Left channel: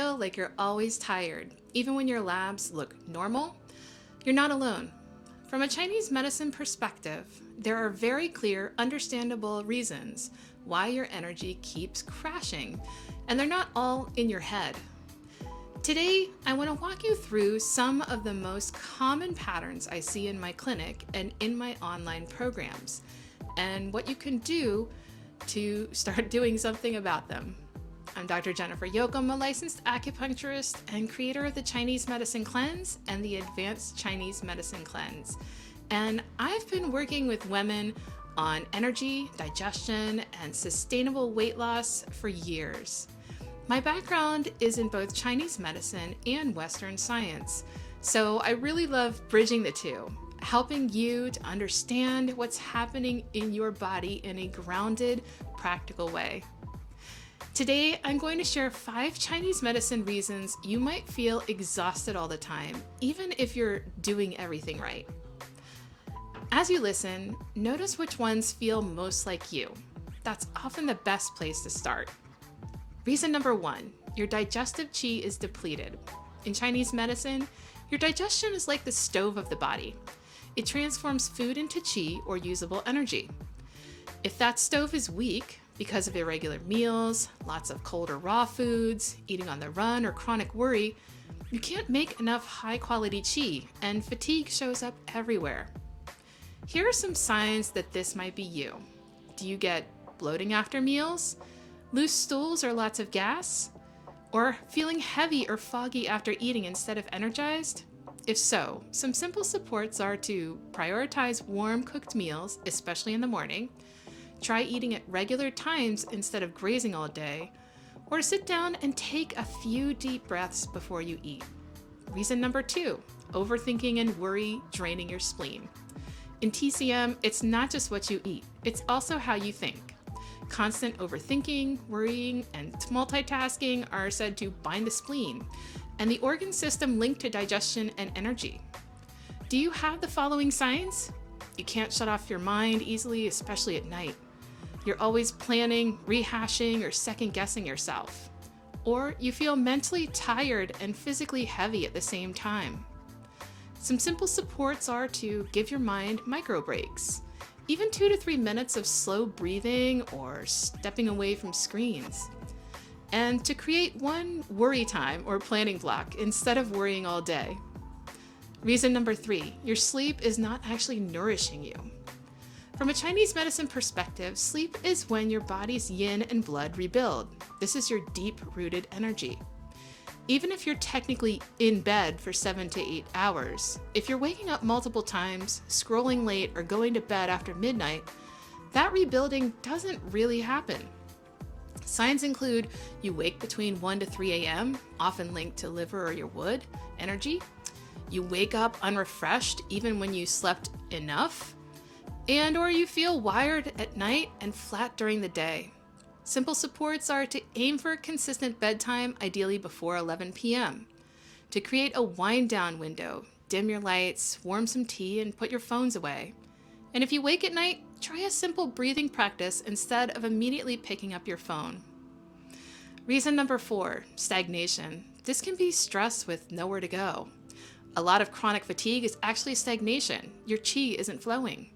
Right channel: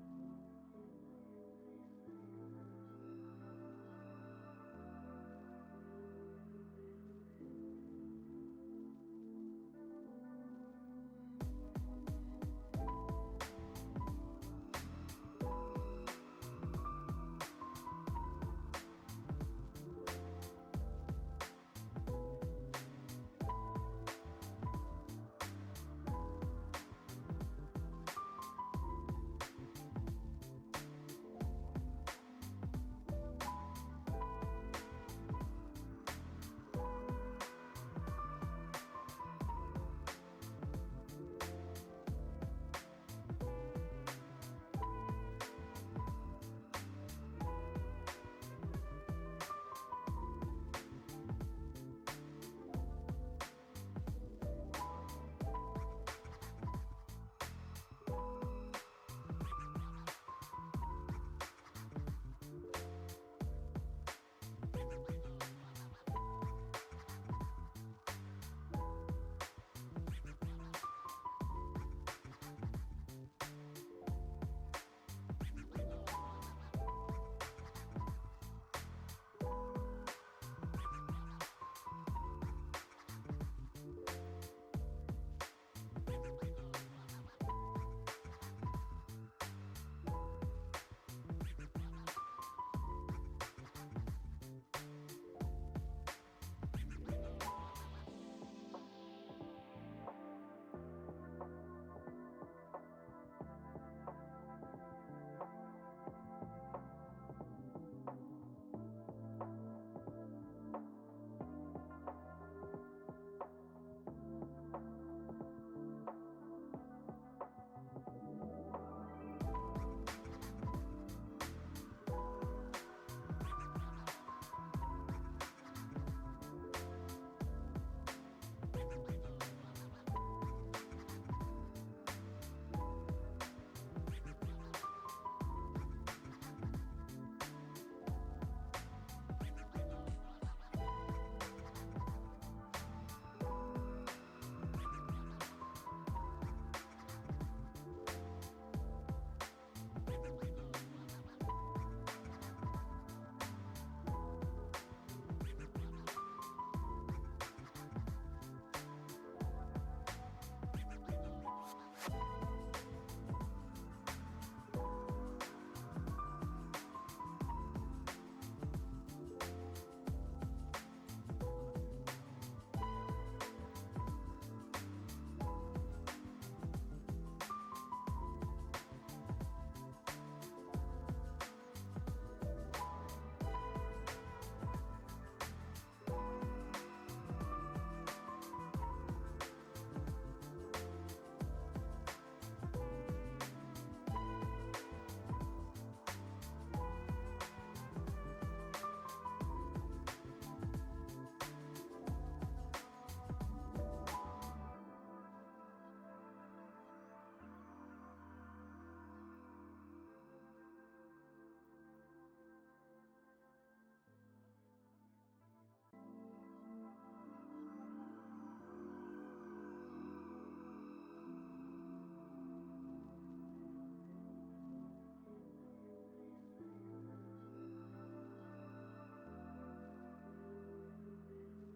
feel like you're always tired, even when your labs look normal? You're not alone. From a Chinese medicine perspective, there are very clear, understandable reasons why your energy keeps crashing, and they're not all in your head. Today, I want to walk you through some of the most common patterns I see in my clinic and in my online programs, and what you can do to start doing something about them. I'm Dr. Jennifer Yoakum, a licensed acupuncturist and creator of the Chinese Medicine Cleanse and the Advanced Chinese Medicine Cleanse. And I've been working with women on energy, digestion, and sustainable weight loss for years. My background is in both Chinese medicine and Western science, so I really love bridging the two, helping you to understand what's happening in your body in a grounded, practical way. Today, I'm going to share 5 Chinese medicine reasons you might feel exhausted all the time, even if you're doing everything right. As you listen, notice which ones feel most like you. That's often the best place to start. Reason number 1, your digestive qi is depleted. In Chinese medicine, your digestion is like the stove of the body. It transforms food into qi, or usable energy. If that stove is weak, because of irregular meals, lots of cold or raw foods, eating on the run, or chronic worry, you can't make enough high-quality qi, and fatigue shows up everywhere. Here are some signs that this might be you. Do you get bloating after meals? Loose stools or lots of gas? Or feeling heavy or foggy after eating instead of energized? If so, some simple supports are to prioritize warm cooked meals, especially in the morning, try eating at regular times instead of grazing all day, or sit down and take a few deep breaths before you eat. Reason number 2, overthinking and worry draining your spleen. In TCM, it's not just what you eat, it's also how you think. Constant overthinking, worrying, and multitasking are said to bind the spleen and the organ system linked to digestion and energy. Do you have the following signs? You can't shut off your mind easily, especially at night. You're always planning, rehashing, or second-guessing yourself. Or you feel mentally tired and physically heavy at the same time. Some simple supports are to give your mind micro breaks, even 2 to 3 minutes of slow breathing or stepping away from screens. And to create one worry time or planning block instead of worrying all day. Reason number 3, your sleep is not actually nourishing you. From a Chinese medicine perspective, sleep is when your body's yin and blood rebuild. This is your deep-rooted energy. Even if you're technically in bed for 7 to 8 hours, if you're waking up multiple times, scrolling late, or going to bed after midnight, that rebuilding doesn't really happen. Signs include you wake between 1 to 3 a.m., often linked to liver or your wood energy. You wake up unrefreshed even when you slept enough. Or you feel wired at night and flat during the day. Simple supports are to aim for a consistent bedtime, ideally before 11 p.m. To create a wind-down window, dim your lights, warm some tea, and put your phones away. And if you wake at night, try a simple breathing practice instead of immediately picking up your phone. Reason number 4, stagnation. This can be stress with nowhere to go. A lot of chronic fatigue is actually stagnation. Your qi isn't flowing.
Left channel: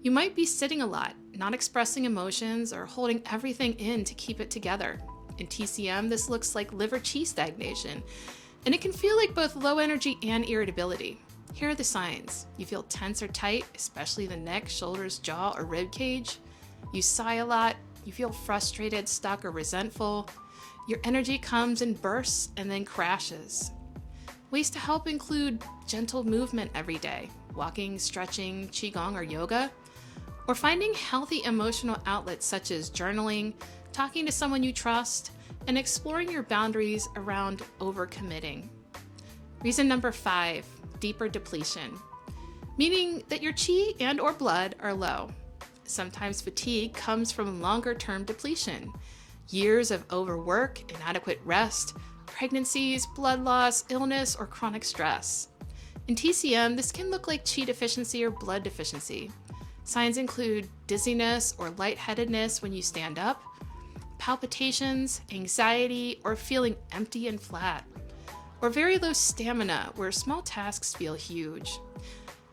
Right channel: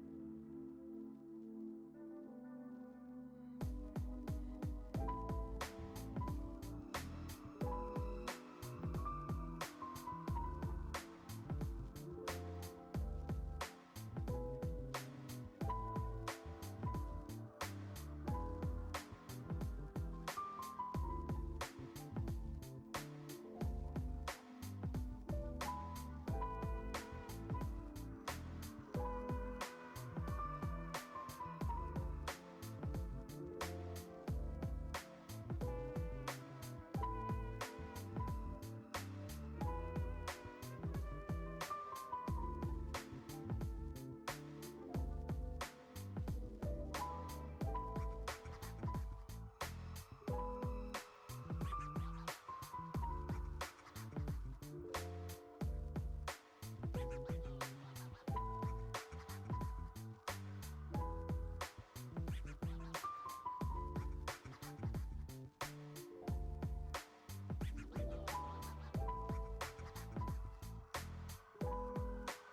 You might be sitting a lot, not expressing emotions, or holding everything in to keep it together. In TCM, this looks like liver qi stagnation, and it can feel like both low energy and irritability. Here are the signs. You feel tense or tight, especially the neck, shoulders, jaw, or rib cage. You sigh a lot. You feel frustrated, stuck, or resentful. Your energy comes in bursts and then crashes. Ways to help include gentle movement every day, walking, stretching, qigong, or yoga, or finding healthy emotional outlets such as journaling, talking to someone you trust, and exploring your boundaries around overcommitting. Reason number 5, deeper depletion, meaning that your qi and or blood are low. Sometimes fatigue comes from longer-term depletion, years of overwork, inadequate rest, pregnancies, blood loss, illness, or chronic stress. In TCM, this can look like qi deficiency or blood deficiency. Signs include dizziness or lightheadedness when you stand up, palpitations, anxiety, or feeling empty and flat, or very low stamina where small tasks feel huge.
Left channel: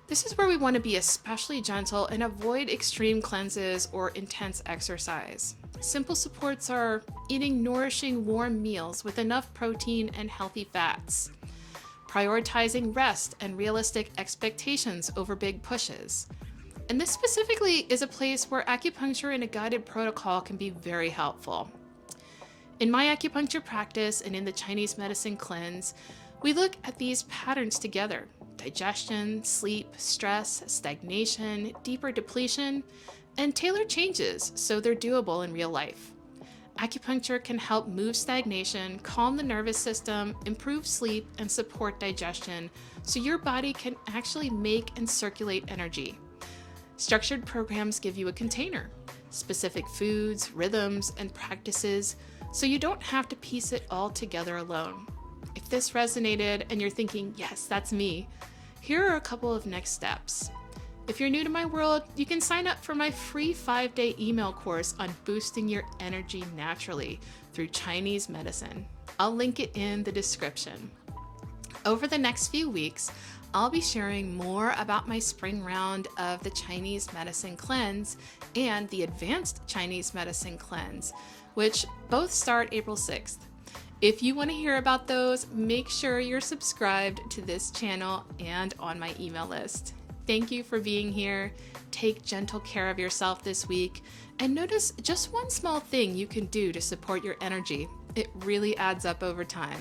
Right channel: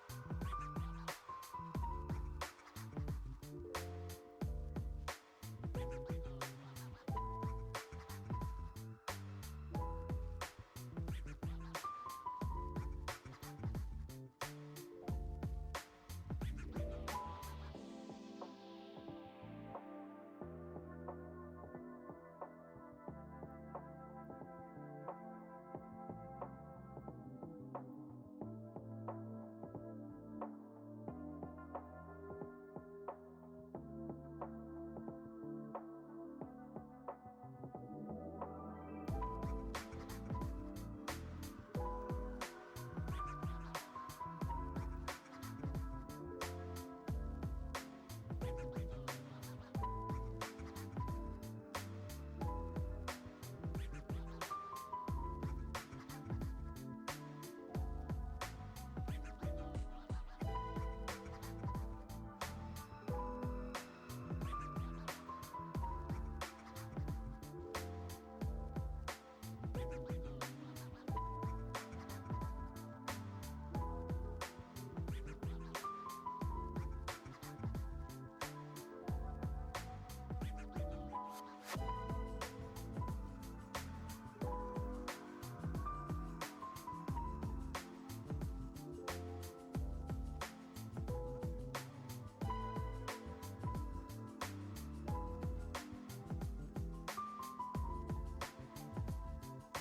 This is where we want to be especially gentle and avoid extreme cleanses or intense exercise. Simple supports are eating nourishing warm meals with enough protein and healthy fats, prioritizing rest and realistic expectations over big pushes. And this specifically is a place where acupuncture in a guided protocol can be very helpful. In my acupuncture practice and in the Chinese medicine cleanse, we look at these patterns together: digestion, sleep, stress, stagnation, deeper depletion, and tailor changes so they're doable in real life. Acupuncture can help move stagnation, calm the nervous system, improve sleep, and support digestion so your body can actually make and circulate energy. Structured programs give you a container, specific foods, rhythms, and practices, so you don't have to piece it all together alone. If this resonated and you're thinking, yes, that's me, here are a couple of next steps. If you're new to my world, you can sign up for my free 5-day email course on boosting your energy naturally through Chinese medicine. I'll link it in the description. Over the next few weeks, I'll be sharing more about my spring round of the Chinese medicine cleanse and the advanced Chinese medicine cleanse, which both start April 6th. If you want to hear about those, make sure you're subscribed to this channel and on my email list. Thank you for being here. Take gentle care of yourself this week and notice just one small thing you can do to support your energy. It really adds up over time.